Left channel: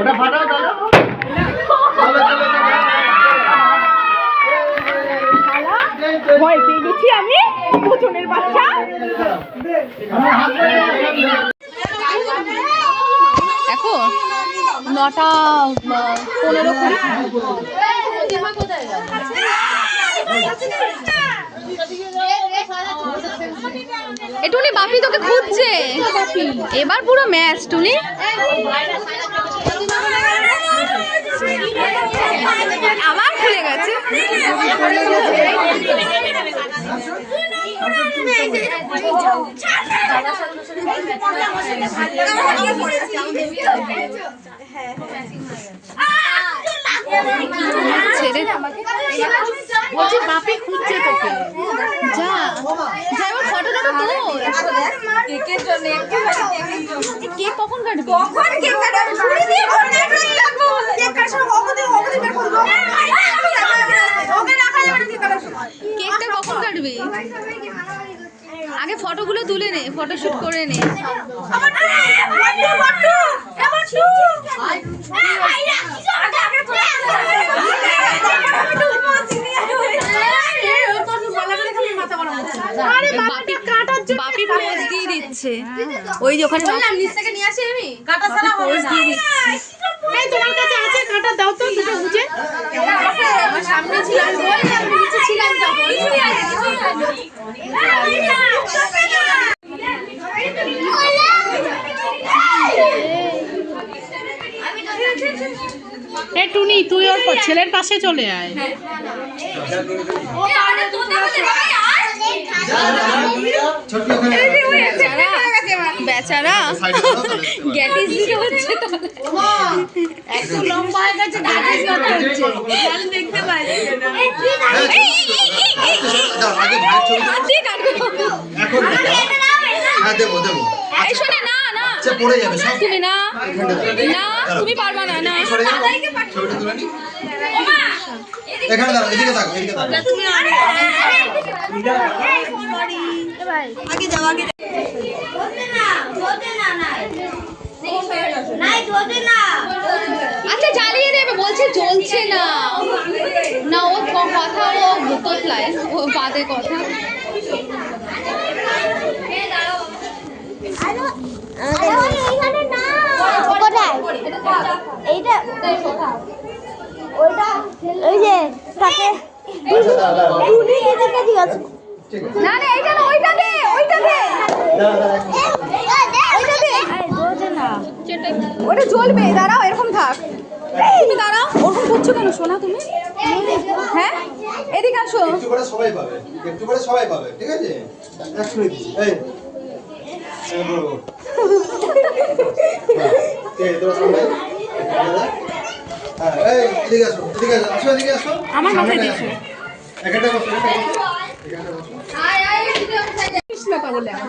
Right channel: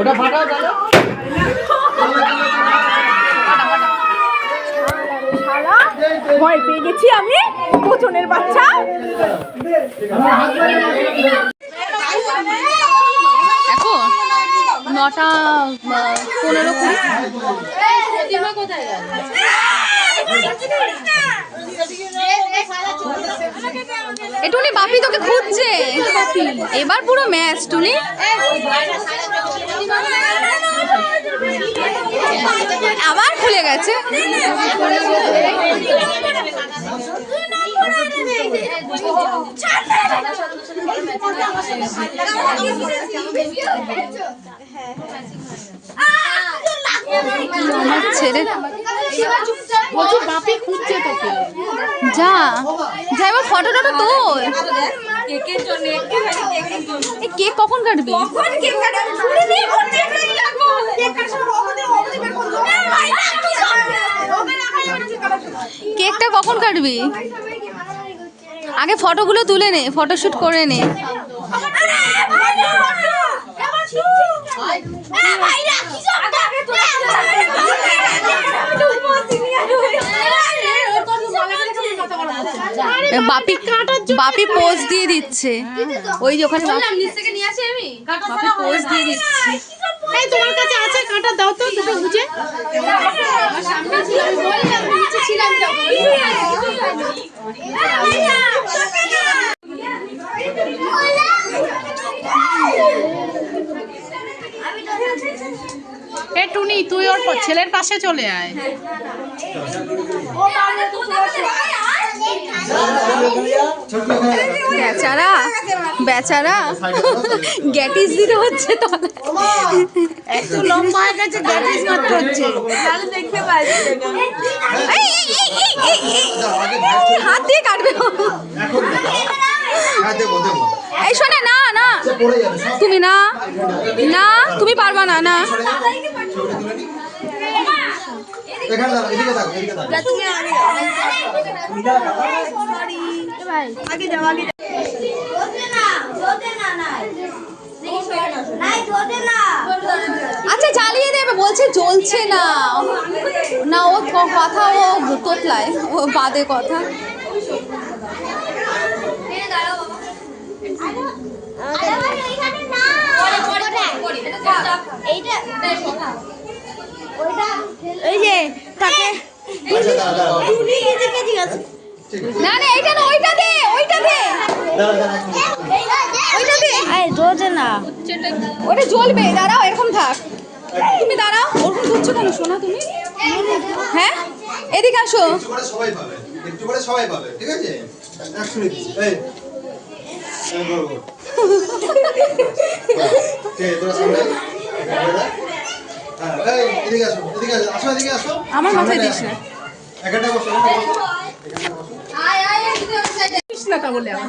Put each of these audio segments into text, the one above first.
ওটা ফাটাও তাহলে ভয় পেয়ে গেছি আমি কোচনের বাচ্চা। এখন 9:15 টুনি বাপি তোকে খুঁজছে এবার পুরো ম্যাচ টুনি। আবার খুলে গেছে। ছেড়ে বাপি খুঁজছে তোকে। যা যা এবার ফটোটা তো তোল। কেকের জন্য কেক কখন কাটবি? কখন কেক কাটবি? ছুরি দিয়ে কেক লাগবে বলে কেক কাটার সময় ওকে বের করব। ওকে রাখা যাবে না। কেকটা কখন কাটবি? আগে ফটোগুলো তুলে নে, ফটোশুট করে নে। বাপি পোজ দিয়ে দিচ্ছে ওই যে ওখানে নিচ থেকে নিয়ে আসি আমি বাপি পোজ দিয়ে দিচ্ছে। এই তোমার কাছে আছে কাঁটা দাও তো দুটো বুঝে আমার সামনে ছিল আমি বললাম নিচে ছিলাম তখন। এ টুনি তুই ওর ছেলের পাশে চলে আয়। বেচারা বেচারা গ্যাটিস দিতে হচ্ছে একটু লম্বা হয়ে গেছে গ্যাটিস করতে হচ্ছে তাহলে দেখতে পাচ্ছি হাত দিয়ে কাটবে এখন হ্যাঁ দেবো দেবো। এই শোনে না না পড়ে যাবে সব। তুমি না না তুমি পারবা না না এখানে দাঁড়াও এদিকে থাকো এদিকে থাকো। আগে যাও আগে আচ্ছা জ্বালিয়ে দেবে বলছে জ্বলছে না না ও কথা ও তোতলায় ও বাদে কথা। না না এইটা না ওইটা দে ওইটা দে ওটা জ্বলবে। দাঁড়াও এরকম থাক তুমি দাঁড়াও ওরকম করছো কেন শোনা তুমি? হ্যাঁ এদিকে আসো। একটু করে সবাই পাবে একটু করে সবাই পাবে ঠিক আছে। এই এই বড় ঠিক তোরা সামনে এই এদিকে আসো এদিকে আসো এদিকে আসো আমার মাথায় দিস না এখানটা বসো এখানটা বসো আয় আয় কৃষ্ণটা বলে আমার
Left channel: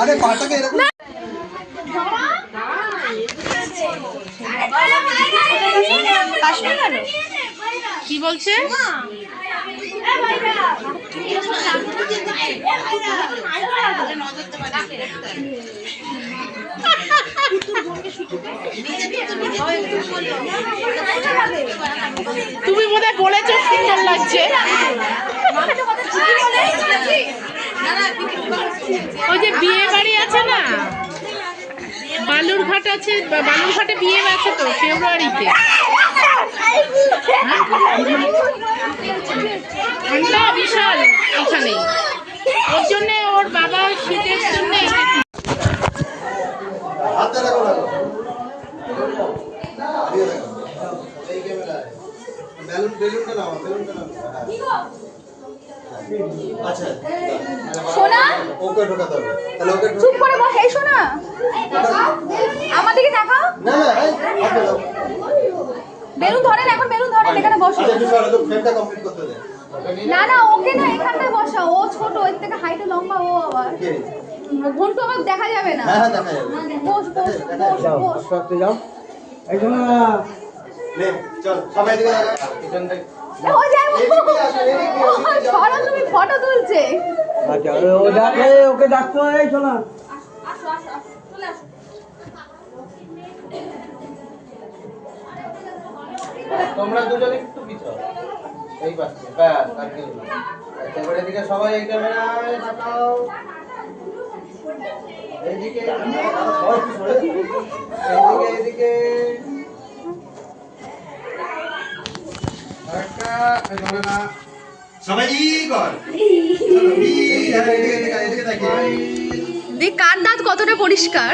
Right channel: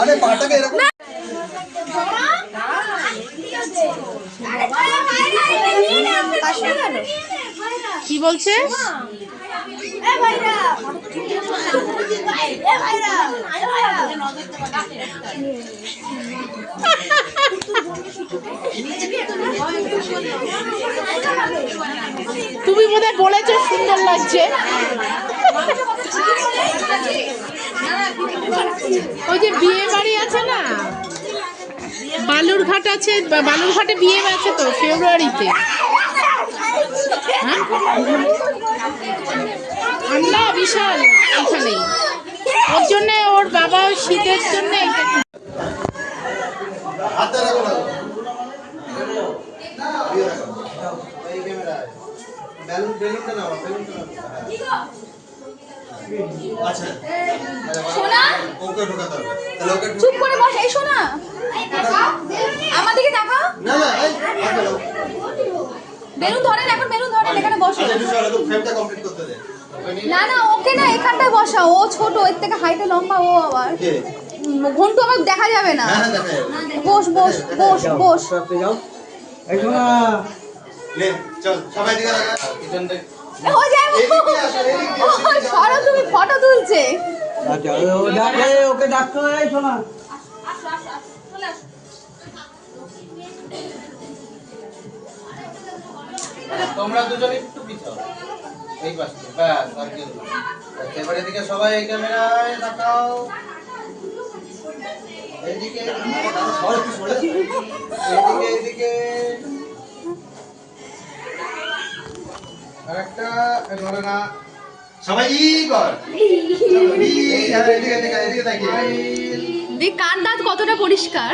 আরে পাটাকে এরকম কি বলছে? তুমি বোধহয় বলেছো সুন্দর লাগছে। ওই যে বিয়ে বাড়ি আছে না বালুরঘাট আছে বালুরঘাটে বিয়ে আছে তো ফেব্রুয়ারিতে ঠান্ডা বিশাল এইখানে ওর জন্য ওর বাবা শীতের জন্য হাতটা রাখো না এই ক্যামেরায় বেলুনটা নাও বেলুনটা নাও আচ্ছা সোনা ওকে ঢোকাতে হবে তাহলে ওকে চুপ করে বস। এই সোনা আমার দিকে তাকাও। না না এই বেলুন ধরেন এখন বেলুন ধরেন এখানে বসো। আচ্ছা তুই সরে তো ফ্রেমটা কমপ্লিট করতে দে। না না ওকে না এখানটায় বসা ও ছোট এর থেকে হাইটে লম্বা ও আবার কে ঘন্টু আমার দেখা যাবে না। হ্যাঁ দেখা যাবে। বস বস বস বস। যাও একদম নে চল সবাই দিকে কিচেন থেকে ও যাই এদিকে আসো এদিকে সরো, তুমি ফটো তুলছে। আচ্ছা ও ডাকে ওকে ডাকতো এই শোনা তোমরা দুজনে একটু পিছাও এই পাশে ব্যাস আর কেউ না। আচ্ছা, এবার এদিকে সবাই এই ক্যামেরায় তাকাও এইদিকে এইদিকে এইদিকে আরেকটা এভাবে না সবাই কর চলো এদিকে তাকিয়ে দেখ কার দাঁত কতটা পরিষ্কার।